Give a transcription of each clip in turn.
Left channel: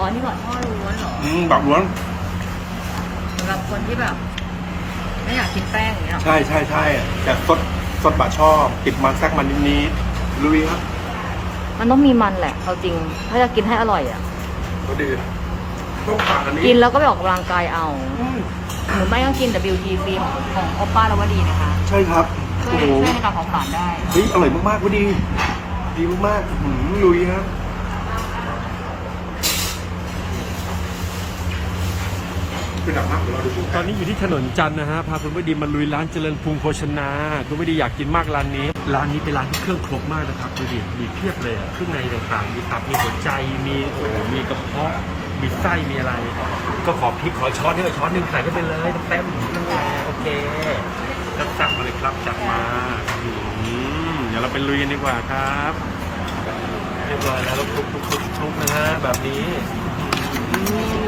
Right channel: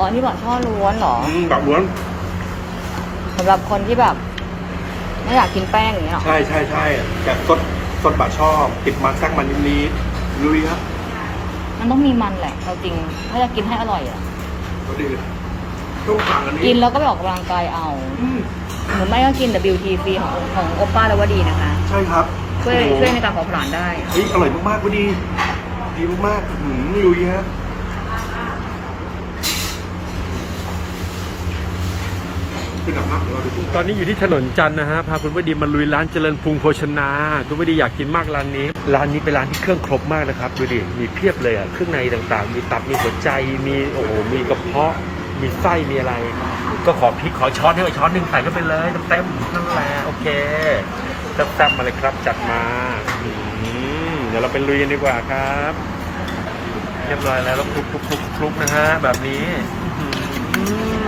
อ๋อนี่บอกช่อล้วนเหรออืมแบบล้วนสำหรับคนที่แบบ ไม่อยากกินแป้งอย่างเงี้ยหรอใช่ใช่ใช่แต่สดสดบะช่อติดมาแซกมันนิดนี้ลุยครับมันต้องมีมันแหละเอาจริง ถ้าจะกินให้อร่อยอะ ก็ดีต้องสั่งอันนี้กินแล้วก็ไปออกกำลังกายเอาอืมหรือไม่ก็กิน WT ฟรีของของโอป้าแล้วว่าดีนะคะ ใช่ครับช่วยโอ้โหช่วยในการเผาผลาญได้ เฮ้ยอร่อยมากๆก็ดี ดีมากๆหืมลุยฮะ เป็นดับมากเดี๋ยวเราดูตอนนี้อยู่ที่ถนนจันทร์นะฮะพาคุณวดีมาลุยร้านเจริญพุงโภชนาคุณวดีอยากกินมากร้านนี้ ร้านนี้เป็นร้านที่เครื่องครบมากนะครับดูดิมีเพียบเลยอะเครื่องในต่างๆ มีตับมีหัวใจมีโอ้โหมีกระเพาะ มีไส้มีอะไร ก็ขอพริกขอช้อนให้หน่อยช้อนหนึ่งใส่เข้าไปเลยเต็มๆนั่นแหละโอเคแซ่บๆมาเลยครับจัดมาอืมเดี๋ยวเราไปลุยกันดีกว่าครับ เรียบร้อยแล้วแล้วคลุกคลุกคลุกคลุกนะฮะแบบนี้อืม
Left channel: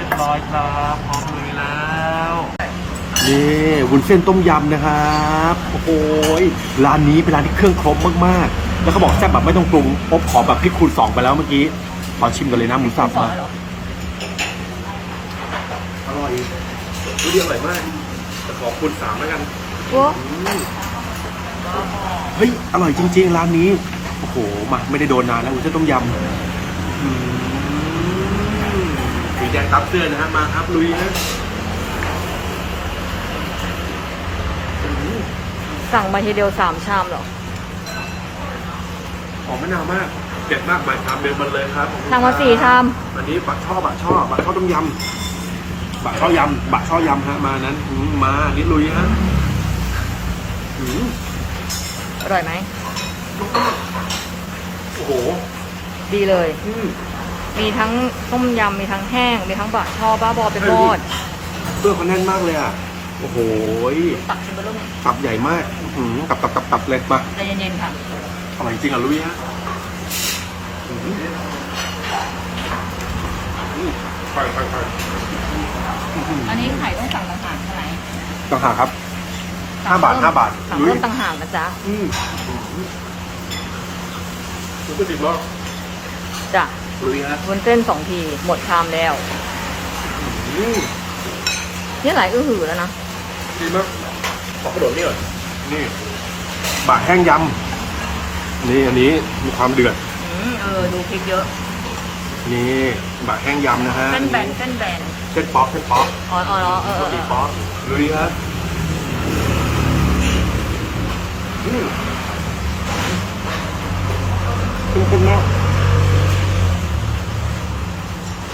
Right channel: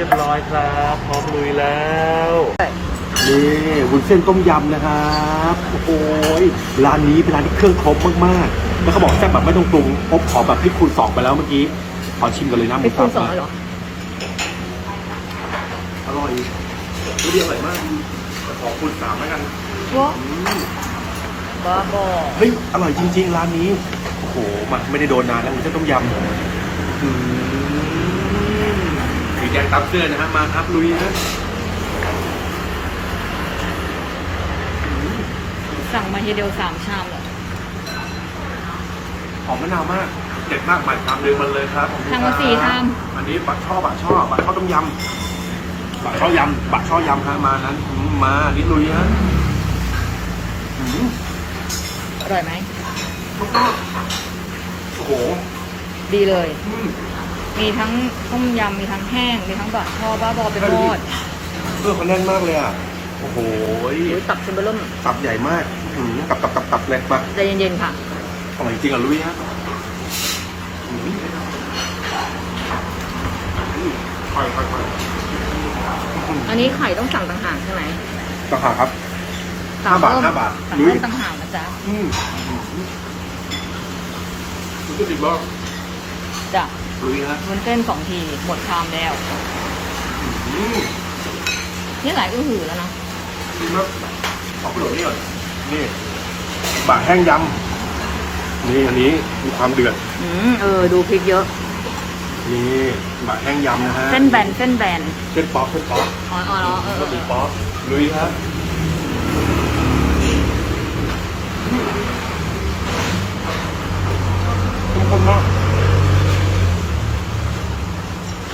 รียบร้อยครับพร้อมลุยแล้ว นี่วุ้นเส้นต้มยำนะครับโอ้โหร้านนี้เป็นร้านที่เครื่องครบมากๆแล้วเขาบอกแซ่บแบบไม่ต้องปรุงพวกขอแบบให้คูณสองไปแล้วเมื่อกี้ขอชิมกันเลยนะพี่คูณสองเลยเหรออร่อยนี่เดียวอร่อยมากขอคูณสามแล้วกันว้าอืมบ้าบอเฮ้ยอร่อยจริงๆร้านนี้โอ้โหมาไม่ได้โดนนานแล้ววุ้นเส้นต้มยำอืมสี แดงตับเสื้อนะฮะมาครับลุยนะสั่งมาทีเดียวสามชามเหรอหอมมะนาวมากเด็ดมากมาทำเร็วมันเลยครับขอบคุณทำมาสี่ชามอันนี้บักช่อบักช่อบักช่อต้มยำบักช่อยำบักช่อยำฮะมานั้นอืมมานิดลุยฮะอืมอร่อยไหมโอ้โห ดีเลยอื มมีทั้งต้มยำมีทั้งแห้ง มีทั้งบะช่อบ้าบอเป็นหมอดเครื่องเขาแน่นมากเลยอะ โอ้โหหรือตักชิมเบอร์เริ่มตับใหญ่มากอืมตับตับตับตับเลยมาใจเย็นๆค่ะอร่อยจริงอะลุยฮะอืมอืมค่อยค่อยค่อยอืมอันนี้ไข่ต้องสั่งต่างหากใช่ไหมต่างหากครับสั่งเพิ่มห้าบาทสั่งเพิ่มต่างหากนะจ๊ะ อืมอืมคุณก็ติดรอบจ้ะ ลุยฮะวุ้นเส้นสองที หมดชามแล้วอืมนี่หลายอื้อหือแล้วนะดีมากขอกระโดดนี่ก่อนนี่บาแห้งยำนี่อันนี้มีความเดือดอืมเออ ดูพริกเยอะ นี่บาแห้งยำนะฮะเส้นแบนเส้นแบนเส้นป๊อกเส้นป๊อกอ๋ออ๋ออ๋อเออเออเอเส้นอป๊อกลุยฮะอืมเข้มข้นมาก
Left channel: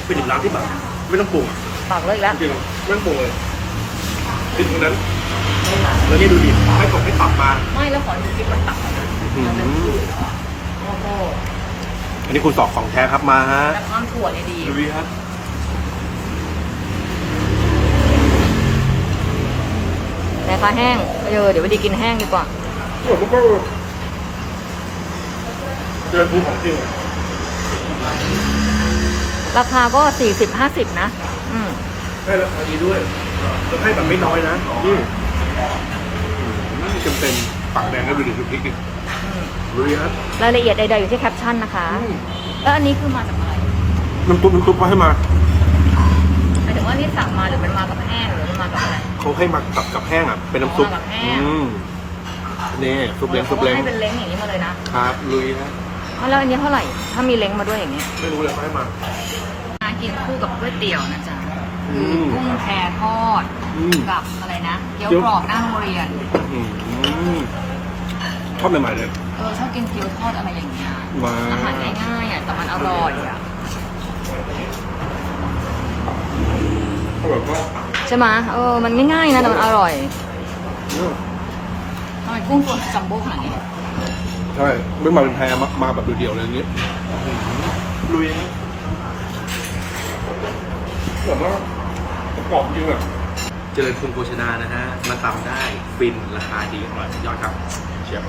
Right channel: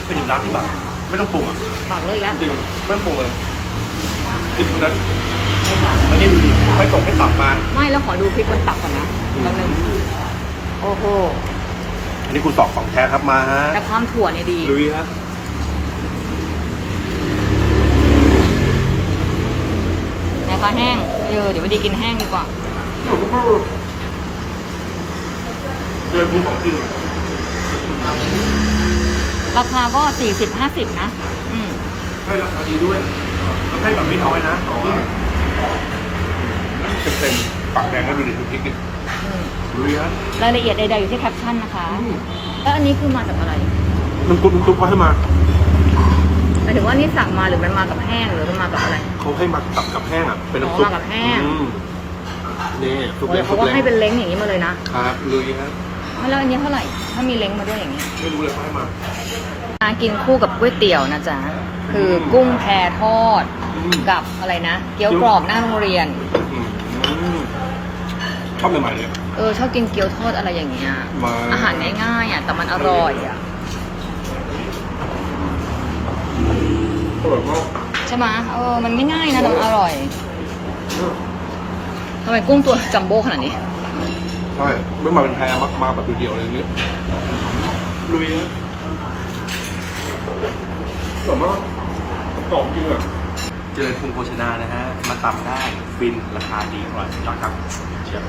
เป็นร้านที่แบบไม่ต้องปรุงอะปากเลยแล้วจริงๆไม่ต้องปรุงเลยติดตรงนั้นแล้วนี่ดูดิให้กดให้ตับมาไม่แล้วขอดูพริกบนตักก่อนนะอืมมันเป็นโอ้โหอันนี้คุณสอบของแท้ครับมาฮะแต่ความถั่วเนี่ยดีลุยครับราคาแห้งเออเดี๋ยวไปดีกินแห้งดีกว่าอร่อยมากเลยเกินภูของจริงอะ ราคาก็สี่สิบห้าสิบนะ อืมให้ราคาดีด้วยแล้วให้แบบไม่น้อยนะนี่เต็มเต็มๆปากแดงแล้วดูดิดูพริกดิอืมลุยครับรายละเอียดใดๆอยู่ที่แคปชั่นนะคะอืมแล้วอันนี้คือมาจากอะไรน้ำซุปน้ำซุปก็ให้มาหมายถึงว่านี่สั่งมาหรือมันมากับแห้งหรือมันมากับอะไรเขาให้มากับกับแห้งอะเป็นน้ำซุปอ๋อมากับแห้งอืมนี่ซุปโอ้แรยงเขาซุปก็แรงให้เป็นเล้งอย่างนี้มาเลยนะครับลุยครับแล้วอันนี้เท่าไหร่ ถ้ามีเล้งมาด้วยอย่างนี้ ไม่รู้เลยเขาให้มา มากินคู่กับก๋วยเตี๋ยวนะจ๊ะคืออมกุ้งแพทอดอืม กับอะไรนะ เกี๊ยวกรอบหน้าโรงเรียน อืมชอบใหม่ๆเลย เออชอบกินเกี๊ยวทอดอะไรอย่างเงี้ยมา อาหารง่ายๆอะแต่มันอร่อยอะอร่อยมากใช่ไหมเออมันง่ายๆนะแต่มันอร่อยอืมทำไมกุ้งตัวจัมโบ้ขนาดนี้ ใช่ไม่มาเป็นแพรมามาแบบเดียวๆเลยอย่างนี้ลุยนะ แบบว่ากรอบจริงอะเจริญพุงโภชนานะฮะ มาตำได้ ฟิน ราคาดีอร่อยสุดยอดครับเชียว